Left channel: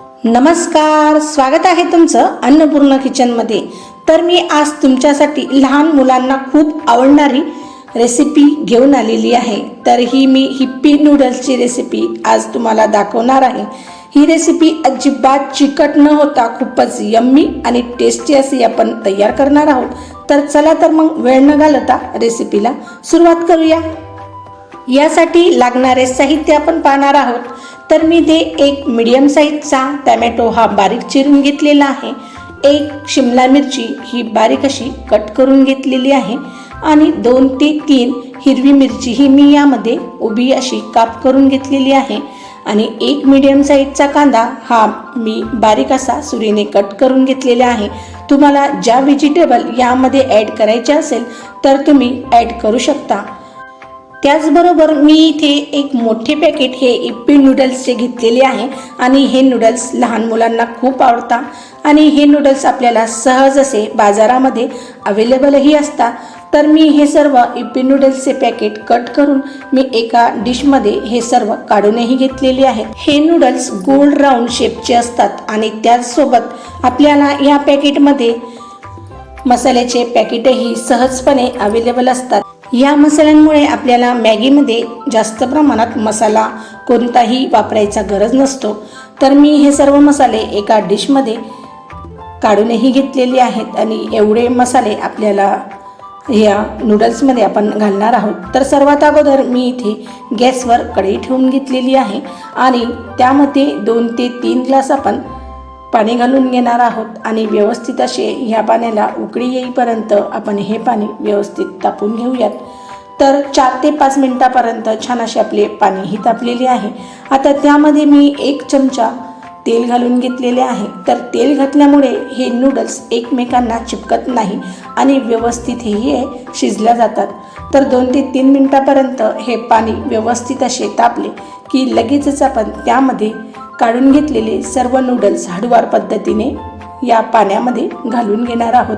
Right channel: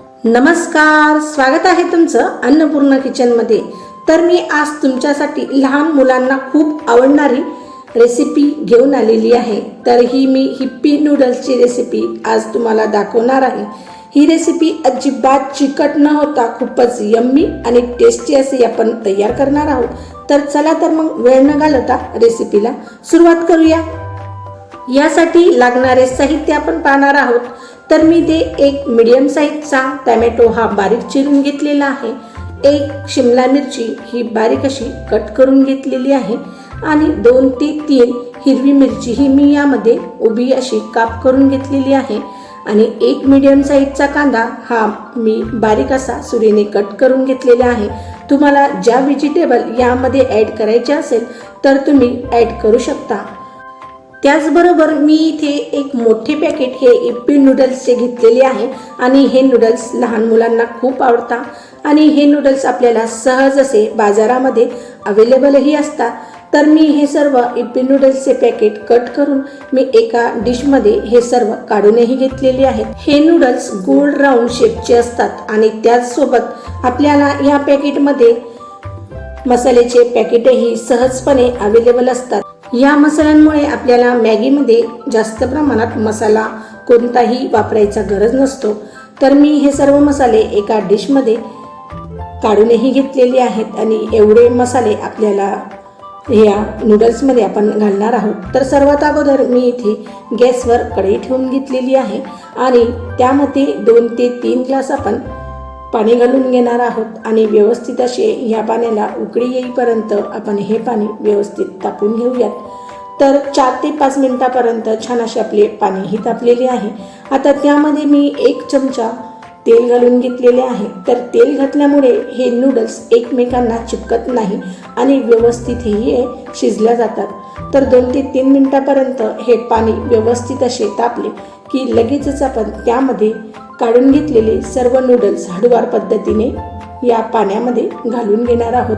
नमस्कार स्वागत आहे तुमचं अन्नपूर्ण किचनमध्ये तर मी आज तुमच्यासाठी लहान मुलांना खूप आवडणारी रेसिपी घेऊन आलेली आहे. तर ही मी हिप्पी नूडल्सची रेसिपी आज तुम्हाला दाखवणार आहे. ही रेसिपी अजिबात चिकट न होता खूपच यम्मी आणि टेस्टी अशी आपण तयार करणार आहोत. तर चला तर मग वेळ न घालवता रेसिपीला सुरुवात करूया. यासाठी लागणारे साहित्य आपण पाहणार आहोत. तर मी ते एक मीडियम साईजचा टॅमॅटो हा बारीक चिरून घेतलेला आहे. एक शिमला मिरची ही बारीक अशी कट करून घेतलेली आहे. आणि दोन ते तीन हिरवी मिरची ही मी यामध्ये उभी अशी काप करून घेतलेली आहे. आणि एक मीडियम साईजचा कांदा हा मी बारीक असा सुरीने कट करून घेतलेला आहे. तुम्हाला ज्या व्हेजिटेबल यामध्ये ॲड करायचे असेल तर तुम्ही ॲड करू शकता. त्याचबरोबर मी इथे एक मोठे पॅकेट हे इप्पी नूडल्सचे घेतलेले आहे आणि हे नूडल्स लहान मुलांना खूप आवडतात. आणि हे नूडल्स आपल्याला सहज असे बाजारामध्ये अवेलेबलही असतात. तर मी हे सर्व इप्पी नूडल्सचे पॅकेट कट करून मी एका डिशमध्ये हे सर्व काढूनही घेतलेले आहेत. हे नूडल्स गोल्ड राऊंड शेपचे असतात आणि त्याचसोबत आपल्याला या पॅकेटमध्ये मसाल्याचे पॅकेटही सहजपणे अवेलेबल असतात. या मसाल्यांमुळे आपल्याला मॅगीमध्ये जास्त प्रमाणात मसाला कोणताही वापरायचा गरज नसतो. तर मी हे सर्व मसाले एका डिशमध्ये काढूनही घेतलेले आहेत आणि एवढे मसाले आपल्याला या नूडल्समध्ये आपण घालणार आहोत. तर सर्वात अगोदर मी इथे गॅसवर कढई ठेवून घेतलेली आहे आणि त्यामध्ये दोन ते तीन ग्लास आपण पाणी घालून घेणार आहोत आणि व्यवस्थित असे ह्या पाण्याला उकळी येईपर्यंत आपण हे पाणी व्यवस्थित तापून घेऊयात. तर चार ते पाच मिनटापर्यंत छान असे आपले पाणीही तापलेले आहे. आता त्यामध्ये मी एक चमचा तेल घालून घेतलेले आहे. तर तेल घातल्यामुळे हे नूडल्स एकमेकांना चिपकत नाही आणि व्यवस्थित हे शिजल्या जातात. तर दोन ते तीन मिनटापर्यंत हे पाणी व्यवस्थित असे तापले की लगेचच आपण त्यामध्ये काढून घेतलेले सर्व नूडल्स हळूवार पद्धतीने या पाण्यामध्ये घालून घेणार आहोत.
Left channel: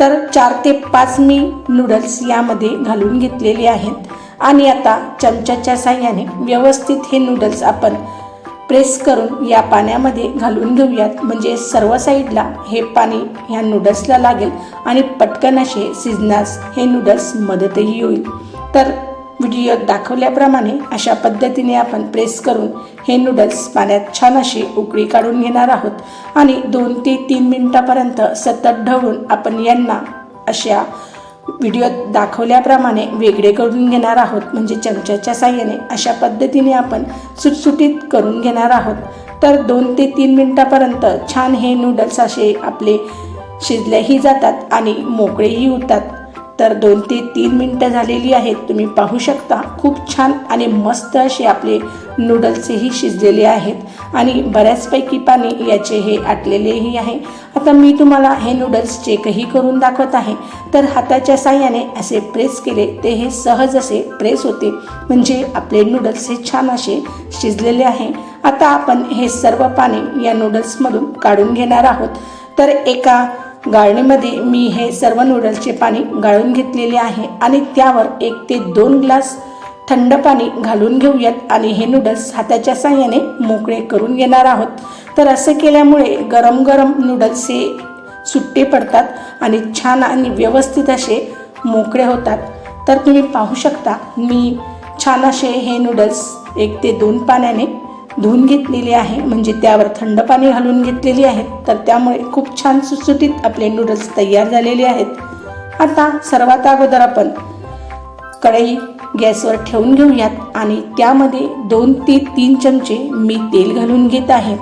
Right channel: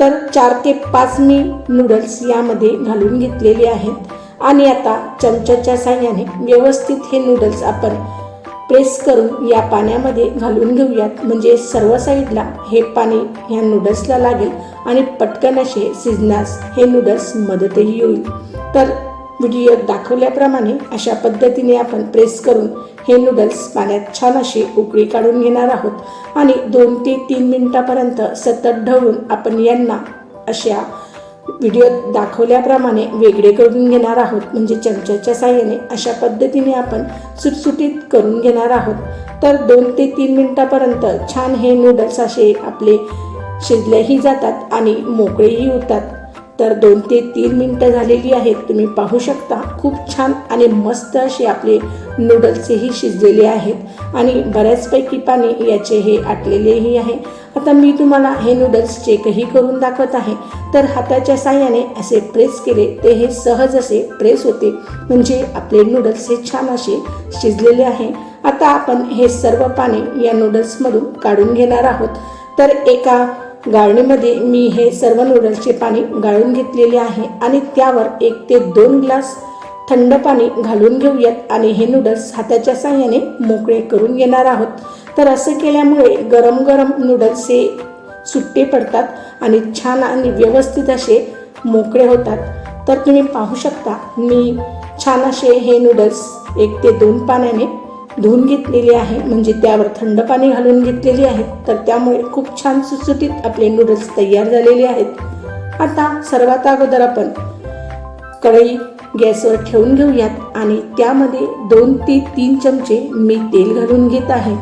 तर चार ते पाच मी नूडल्स यामध्ये घालून घेतलेले आहेत. आणि आता चमच्याच्या साह्याने व्यवस्थित हे नूडल्स आपण प्रेस करून या पाण्यामध्ये घालून घेऊयात. म्हणजे सर्व साईडला हे पाणी ह्या नूडल्सला लागेल आणि पटकन असे शिजण्यास हे नूडल्स मदतही होईल. तर व्हिडिओत दाखवल्याप्रमाणे अशा पद्धतीने आपण प्रेस करून हे नूडल्स पाण्यात छान अशी उकळी काढून घेणार आहोत. आणि दोन ते तीन मिनिटापर्यंत सतत ढवळून आपण यांना अशा व्हिडिओत दाखवल्याप्रमाणे वेगळे करून घेणार आहोत. म्हणजे चमच्याच्या साह्याने अशा पद्धतीने आपण सुटसुटीत करून घेणार आहोत. तर दोन ते तीन मिनिटापर्यंत छान हे नूडल्स असे आपले शिजलेही जातात आणि मोकळेही होतात. तर दोन ते तीन मिनटं झालेली आहेत. तुम्ही पाहू शकता खूप छान आणि मस्त असे आपले नूडल्सही शिजलेले आहेत आणि बऱ्याचपैकी पाणी याचे हे आटलेलेही आहे. आता मी तुम्हाला हे नूडल्स चेकही करून दाखवत आहे. तर हाताच्या साह्याने असे प्रेस केले ते हे सहज असे प्रेस होते. म्हणजे आपले नूडल्स हे छान असे शिजलेले आहे. आता आपण हे सर्व पाणी या नूडल्समधून काढून घेणार आहोत. तर एका गाळणीमध्ये मी हे सर्व नूडल्सचे पाणी गाळून घेतलेले आहे आणि त्यावर एक ते दोन ग्लास थंड पाणी घालून घेऊयात आणि हे नूडल्स हाताच्या साह्याने मोकळे करून घेणार आहोत. तर असं केल्यामुळे गरम गरम नूडल्स हे सुट्टे पडतात आणि छान आणि व्यवस्थित असे मोकळे होतात. तर तुम्ही पाहू शकता मी छान असे हे नूडल्स एक ते दोन पाण्याने धुवून घेतलेले आहे. म्हणजे त्यावर थंड पाणी घालून घेतलेले आहे. तर त्यामुळे खूप छान सुटसुटीत आपले नूडल्स तयार झालेले आहेत. आता सर्वात अगोदर आपण कढई गॅसवर ठेवून घेऊयात आणि त्यामध्ये दोन ते तीन चमचे मी तेल घालून घेत आहे.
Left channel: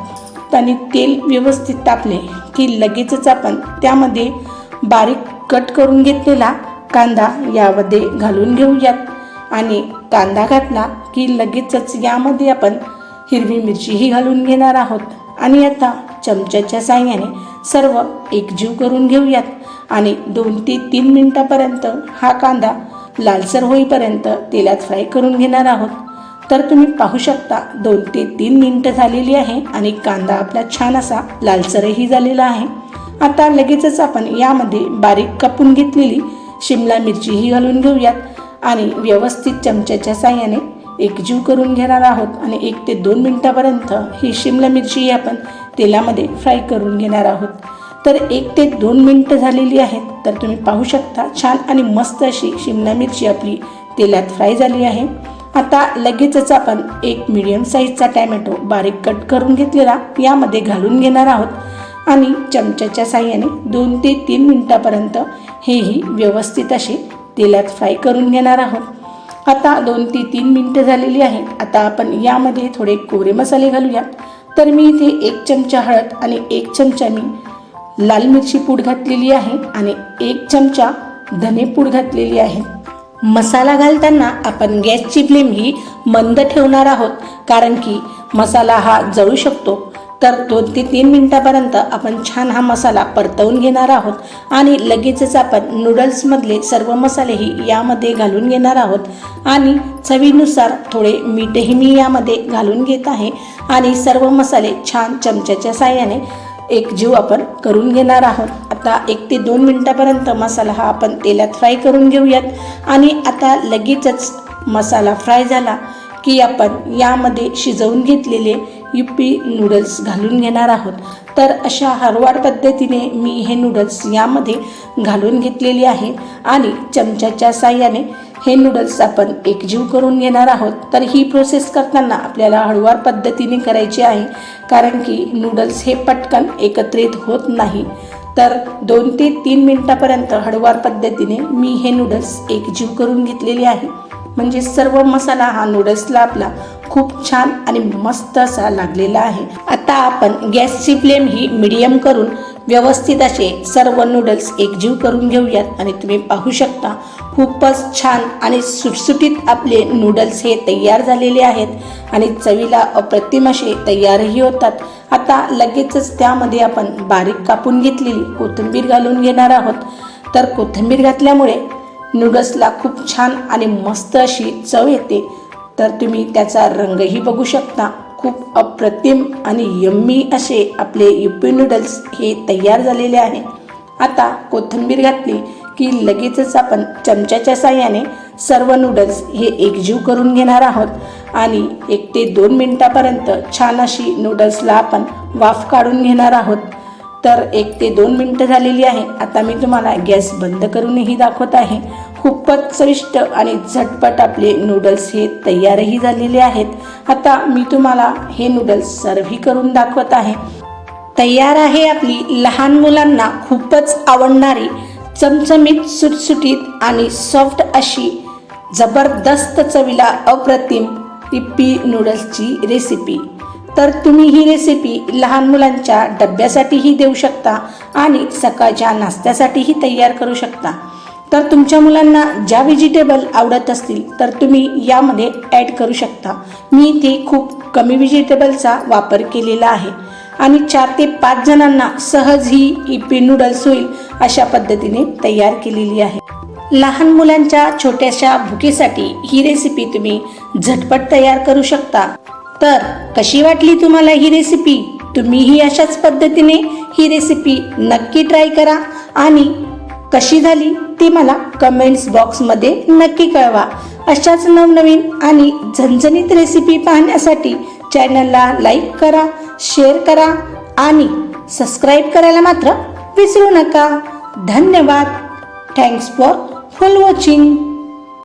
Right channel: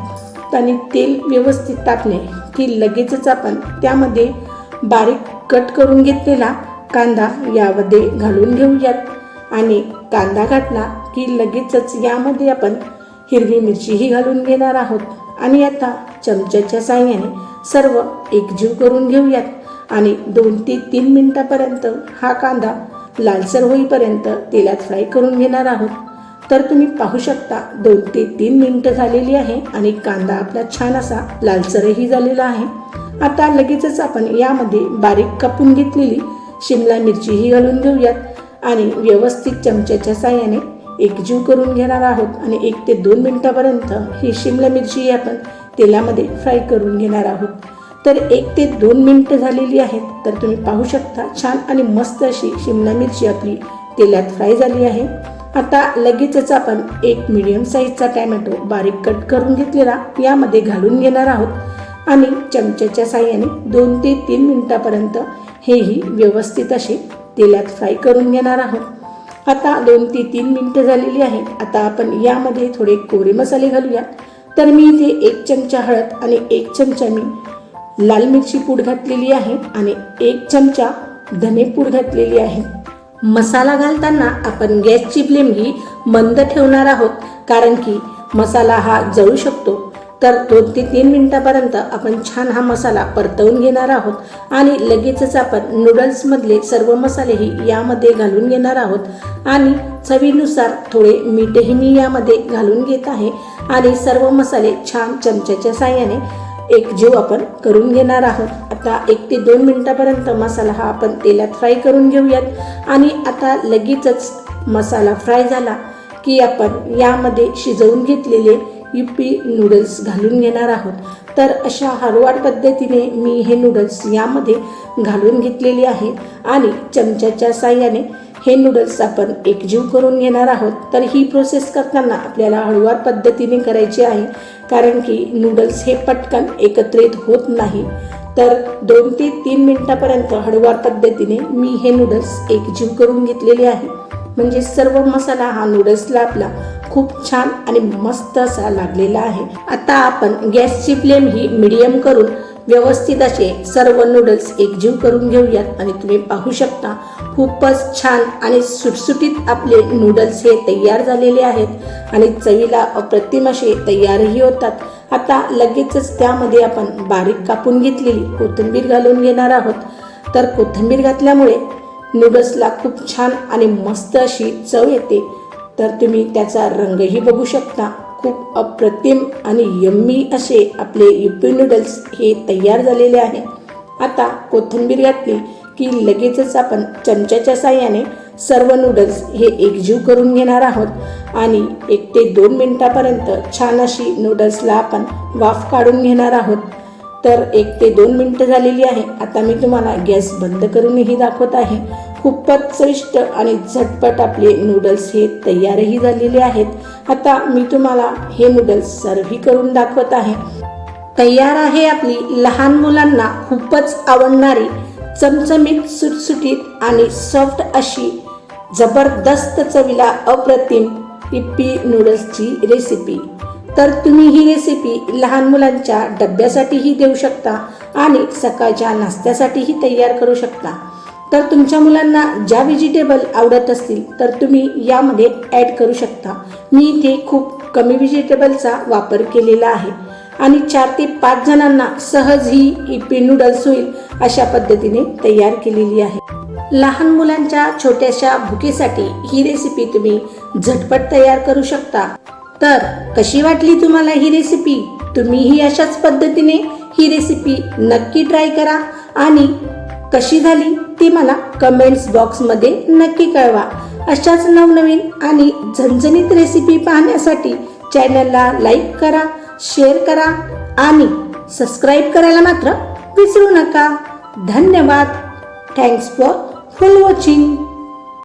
आणि तेल व्यवस्थित तापले की लगेचच आपण त्यामध्ये बारीक कट करून घेतलेला कांदा यामध्ये घालून घेऊयात. आणि कांदा घातला की लगेचच यामध्ये आपण हिरवी मिरचीही घालून घेणार आहोत. आणि आता चमच्याच्या साह्याने सर्व एकजीव करून घेऊयात. आणि दोन ते तीन मिनिटापर्यंत हा कांदा लालसर होईपर्यंत तेलात फ्राय करून घेणार आहोत. तर तुम्ही पाहू शकता दोन ते तीन मिनटं झालेली आहे आणि कांदा आपला छान असा लालसरही झालेला आहे. आता लगेचच आपण यामध्ये बारीक कापून घेतलेली शिमला मिरचीही घालून घेऊयात. आणि व्यवस्थित चमच्याच्या साह्याने एकजीव करून घेणार आहोत आणि एक ते दोन मिनटापर्यंत ही शिमला मिरची आपण तेलामध्ये फ्राय करून घेणार आहोत. तर एक ते दोन मिनटं झालेली आहेत तर तुम्ही पाहू शकता छान आणि मस्त अशी शिमला मिरची आपली तेलात फ्राय झाली आहे. आता लगेचच आपण एक मिडियम साईजचा टॅमॅटो बारीक कट करून घेतलेला यामध्ये घालून घेणार आहोत. आणि चमच्याच्या साह्याने दोन ते तीन मिनटापर्यंत हेही व्यवस्थित असे तेलात फ्राय करून घेणार आहोत. आता दोन ते तीन मिनटं झालेली आहेत. आता आपण यामध्ये थोडे कोरे मसाले घालूया. तर मी इथे एक चमचा हळद आणि एक चमचा मी लाल मिरची पूड घातलेली आहे आणि एक चमचा धने पूड घातलेली आहे. मसाला घालताना आपण गॅसची फ्लेम ही मंद ठेवणार आहोत कारण की मसाला हा जळू शकतो. तर दोन ते तीन मिनटापर्यंत आपण छान हा मसाला परतवून घेणार आहोत आणि लगेचच आपण नूडल्समधले सर्व मसालेही यामध्ये घालून घेणार आहोत. आणि चवीनुसार थोडे मीठही मी यामध्ये घालून घेत आहे आणि सर्व मसाले छान चमच्याच्या साह्याने एकजीव आपण करून घेणार आहोत. आता एक ते दोन मिनटापर्यंत मसाला हा आपण तेलात फ्राय करून घेऊयात. आणि आता लगेचच मसाला फ्राय झाला की आपण यामध्ये शिजवून घेतलेले युपी नूडल्स घालून घेणार आहोत. तर अशा हरवाड पद्धतीने मी हे नूडल्स यामध्ये घालून घेतलेले आहे आणि चमच्याच्या साह्याने हे नूडल्स आपण एकजीव करून घेणार आहोत. तर ही प्रोसेस करताना आपल्याला हळूवार पद्धतीने करायची आहे कारण की नूडल्स हे पटकन एकत्रित होत नाही. तर दोन ते तीन मिनटापर्यंत हळूवार पद्धतीने मी हे नूडल्स एकजीव करून घेतलेले आहे. म्हणजे सर्व मसाला हा नूडल्सला आपला खूप छान आणि मस्त असा लागलेला आहे. आता आपण गॅसची फ्लेम ही मिडियम करून व्यवस्थित असे सर्व नूडल्स एकजीव करून घेऊयात आणि तुम्ही पाहू शकता खूपच छान आणि सुटसुटीत आपले नूडल्स हे तयार झालेले आहेत आणि चवीला अप्रतिम असे तयारही होतात. आता लगेचच त्यामध्ये आपण बारीक कापून घेतलेली कोथिंबीर घालून घेणार आहोत. तर कोथिंबीर घातल्यामुळे नूडल्सला खूप छान आणि मस्त अशी चव येते. तर तुम्ही त्याचा रंगही बघू शकता. खूप अप्रतिम आणि यम्मी असे आपले युपी नूडल्स हे तयार झालेले आहे. आता कोथिंबीर घातली की लगेचच आपण चमच्याच्या साह्याने सर्व नूडल्स हे एकजीव करून घेणार आहोत. आणि एक ते दोन मिनटापर्यंत छान अशी नूडल्सला आपण वाफ काढून घेणार आहोत. तर एक ते दोन मिनटं झालेली आहे. आता मी तुम्हाला गॅस बंद करूनही दाखवत आहे. खूपच चविष्ट आणि झटपट आपले नूडल्स हे तयारही झालेले आहेत. आता मी तुम्हाला हे नूडल्स सर्व्ही करून दाखवत आहे. तयार आहे आपली लहान मुलांना खूपच आवडणारी चमचमीत सुटसुटीत आणि सॉफ्ट अशी जबरदस्त चवीला अप्रतिम पिप्पी नूडल्सची रेसिपी तर तुम्ही ही रेसिपी लहान मुलांच्या डब्यासाठीही देऊ शकता आणि सकाळच्या नाश्त्यासाठीही तयार करू शकता. तर तुमच्या मुलांना ज्या व्हेजिटेबल आवडत असतील तर तुम्ही यामध्ये ॲड करू शकता. मी इथे खूप कमी व्हेजिटेबलचा वापर केलेला आहे. आणि चार ते पाच जणांना सहज ही इपी नूडल्स होईल अशा पद्धतीने तयार केलेली आहे. लहान मुलांच्या छोट्याशा भुकेसाठी ही रेसिपी तुम्ही झटपट तयार करू शकता. तर कशी वाटली तुम्हाला ही रेसिपी तुम्हीही अशाच पद्धतीने ही रेसिपी नक्की ट्राय करा आणि कशी झाली ती मला कमेंट्स बॉक्समध्ये नक्की कळवा. अशाच नवनवीन आणि झणझणीत रेसिपी पाहण्यासाठी चॅनलला लाईक करा शेअर करा आणि सबस्क्राईब करायला मात्र विसरू नका. धन्यवाद. Thanks for full watching